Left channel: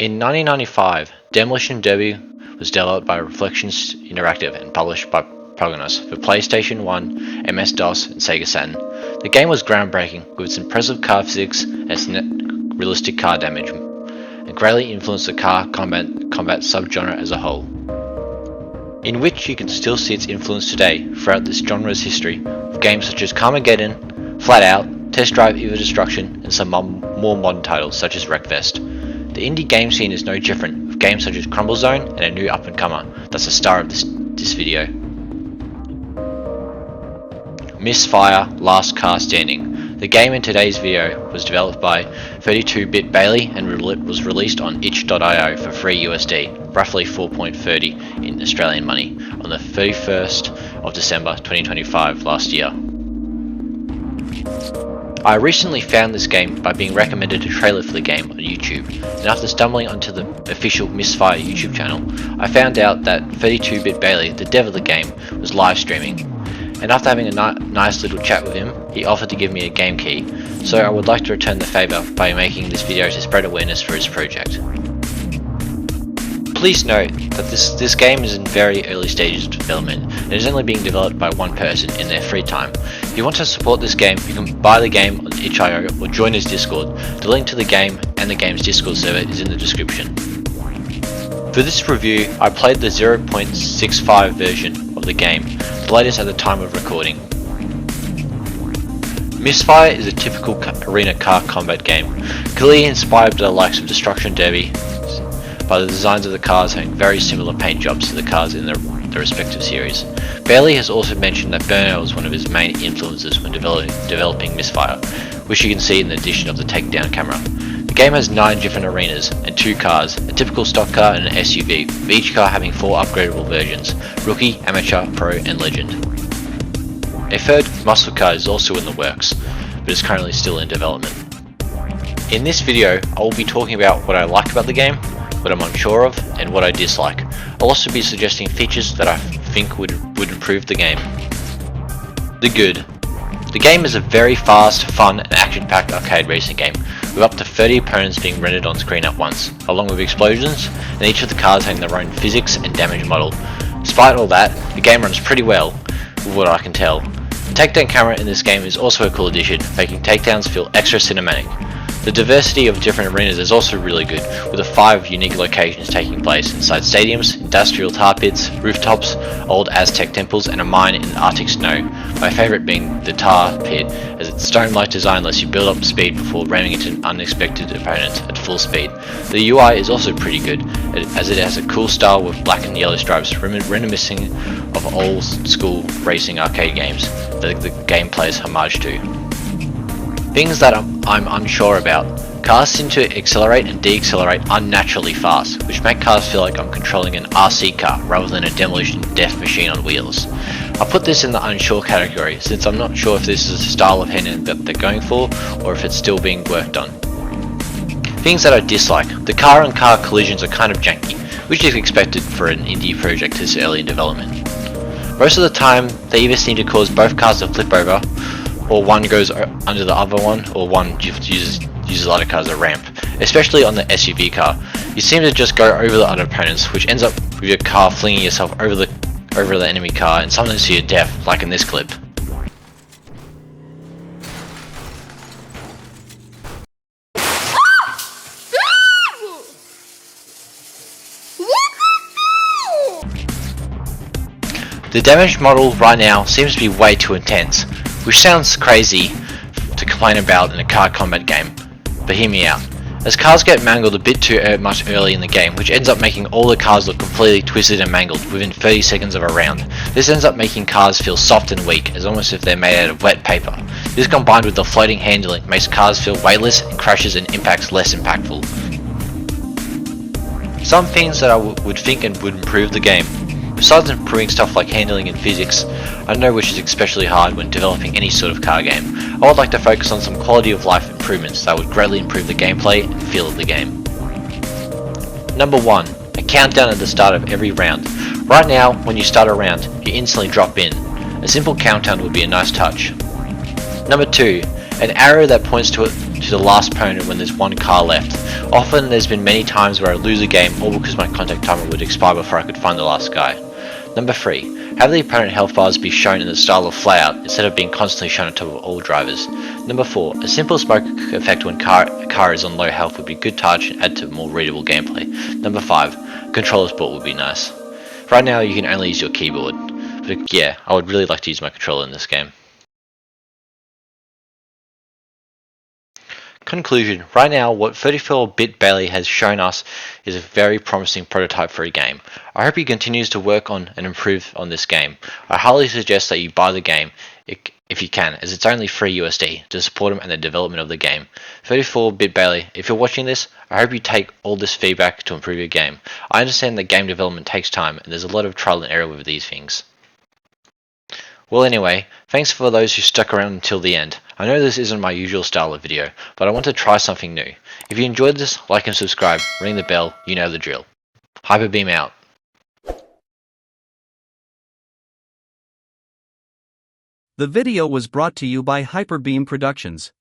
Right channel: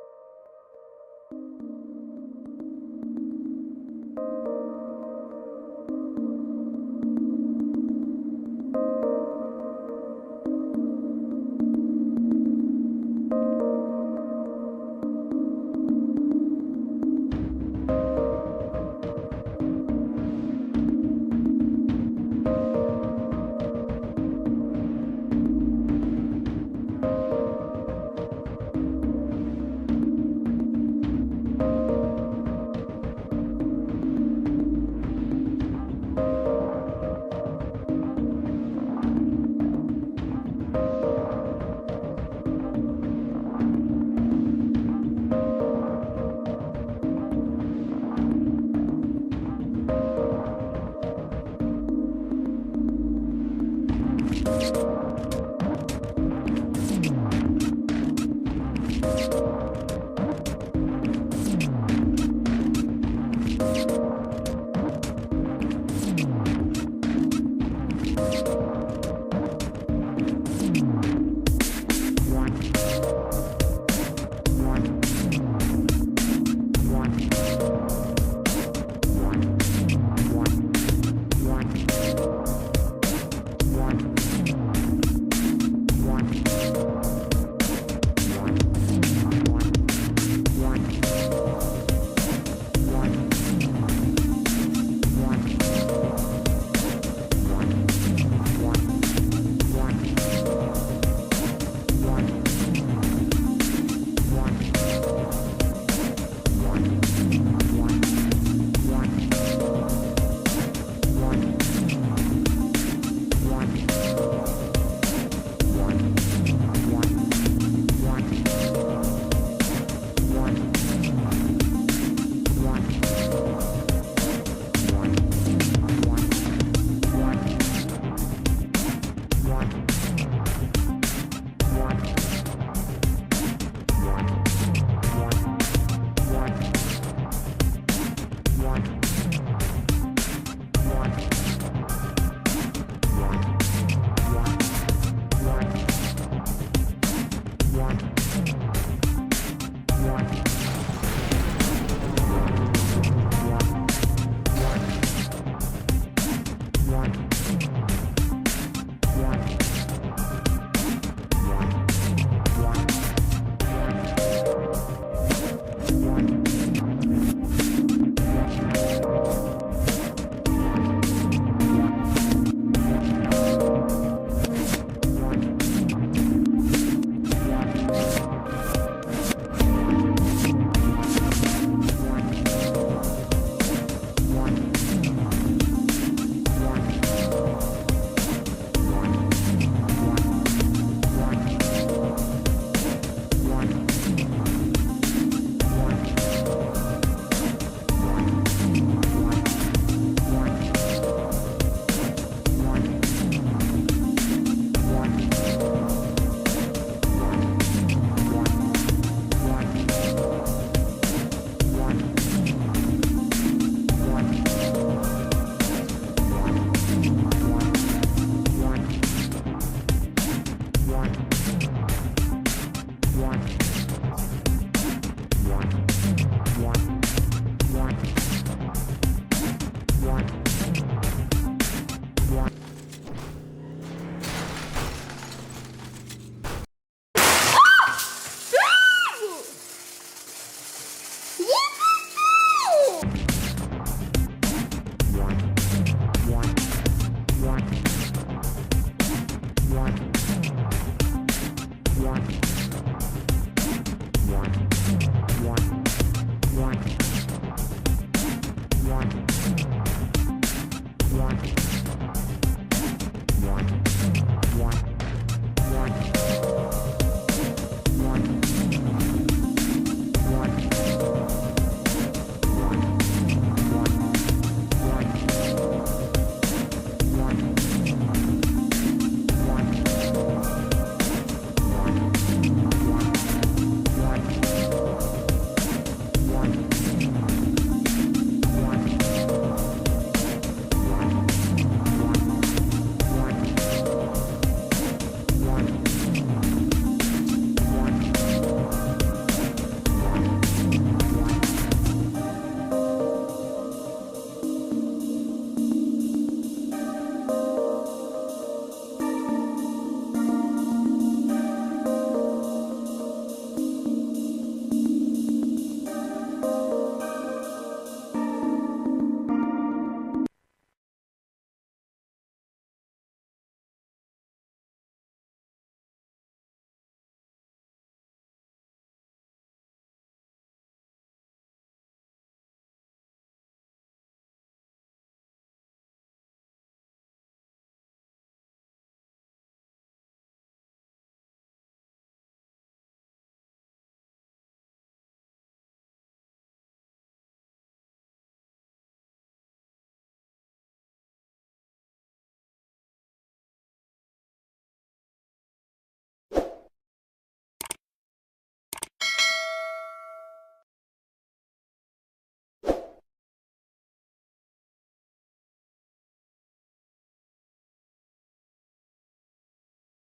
In 1995, Demolition Derby was developed by Reflections Interactive and published by Prognos for PlayStation 1, MS-DOS, and Sega Saturn. The game was groundbreaking with its impressive car physics and its realistic car damage, and greatly influenced the car combat subgenre as a whole, in which you can still see its influence today throughout this genre's history, with games such as Carmageddon, Flat Out, Test Drive Eva Destruction, and some more modern titles such as Wreckfest. The indie game scene is no different, with games such as Crumble Zone and a new up-and-comer that's the star of this video. Misfire Last Car Standing. The game in today's video was developed by 32-Bit Bailey and was released on itch.io for free USD, roughly 4.30 in Australian money, on the 31st of December 2025 last year. I recently found this game by being recommended a trailer for the game on YouTube, and after stumbling onto the official Misfire YouTube channel, I found out that 32-Bit Bailey, the dev of the game, was live streaming, and after having a nice little chat with him, he offered to give me a game key, so I would like to return the favour by making this video to spread awareness for his project. Please note that this game is in very early stages of development and is only being developed by one person in their free time. If you want to support this game, you can buy the game on itch.io or join his Discord. The link to the game and the game's Discord server is in the description. For this review, I played the 0.65 version of the game, the latest at the time of recording. Misfire is a typical arena car combat game, clearly inspired by the likes of Destruction Derby, by the designs of the cars having very similar paint jobs to the cars in the respective series. Bailey has also mentioned that Burnout was one of his main influences when developing Misfire, which you can see in the addition of the takedown camera. The game has 9 different arenas and 2 cars, a typical stock car and an SUV, with each car having 4 upgradable versions: Rookie, Amateur, Pro and Legend. A third muscle car is also in the works, but is currently still in development. In this video, I will be talking about what I like about the game, what I'm unsure of, and what I dislike. I'll also be suggesting features that I think would improve the game. The good. The game is a very fast, fun, and action-packed arcade racing game, with up to 30 opponents being rendered on screen at once, along with explosions, and each of the cars having their own physics and damage model. Despite all that, the game runs pretty well, with what I can tell. The takedown camera in this game is also a cool addition, making takedowns feel extra cinematic. The diversity of different arenas is also really good, with the 5 unique locations taking place inside stadiums, industrial tar pits, rooftops, old Aztec temples, and a mine in Arctic snow. My favourite being the tar pit, as its stone-like design lets you build up speed before ramming into unexpected opponents at full speed. The UI is also pretty good, as it has a cool style with black and yellow stripes reminiscing of old school racing arcade games that the game plays homage to. Things that I'm unsure about. Cars seem to accelerate and decelerate unnaturally fast, which make cars feel like I'm controlling an RC car rather than a demolition death machine on wheels. I put this in the unsure category, since I'm not sure if this is a style of handling that they're going for, or if it's still being worked on. Things that I dislike. The car-on-car collisions are kind of janky, which is expected for an indie project this early in development. Most of the time, they either seem to cause both cars to flip over, or one goes under the other one, or one uses the other car as a ramp, especially on the SUV car. You seem to just go over the other opponents, which ends up with your car flinging yourself over the enemy car and sometimes to your death, like in this clip. The damage model right now seems to be way too intense, which sounds crazy to complain about in a car combat game, but hear me out. As cars get mangled a bit too much early in the game, which ends up making all the cars look completely twisted and mangled within 30 seconds of a round. This ends up making cars feel soft and weak, as almost if they're made out of wet paper. This combined with the floating handling makes cars feel weightless and crashes and impacts less impactful. Some things that I would think would improve the game. Besides improving stuff like handling and physics, I know which is especially hard when developing any sort of car game, I would like to focus on some quality of life improvements that would greatly improve the gameplay and feel of the game. Number 1. A countdown at the start of every round. Right now, when you start a round, you instantly drop in. A simple countdown would be a nice touch. Number 2. An arrow that points to to the last opponent when there's one car left. Often there's been many times where I lose a game all because my contact timer would expire before I could find the last guy. Number 3. Have the opponent health bars be shown in the style of flayout instead of being constantly shown on top of all drivers. Number 4. A simple smoke effect when a car is on low health would be a good touch and add to more readable gameplay. Number 5. Controller's port would be nice. Right now you can only use your keyboard, but yeah, I would really like to use my controller in this game. Conclusion. Right now, what 34-bit Bailey has shown us is a very promising prototype for a game. I hope he continues to work on and improve on this game. I highly suggest that you buy the game if you can, as it's only free USD to support him and the development of the game. 34-bit Bailey, if you're watching this, I hope you take all this feedback to improve your game. I understand that game development takes time and there's a lot of trial and error with these things. Well anyway, thanks for those who stuck around until the end. I know this isn't my usual style of video, but I want to try something new. If you enjoyed this, like and subscribe, ring the bell, you know the drill. Hyperbeam out. The video was brought to you by Hyperbeam Productions.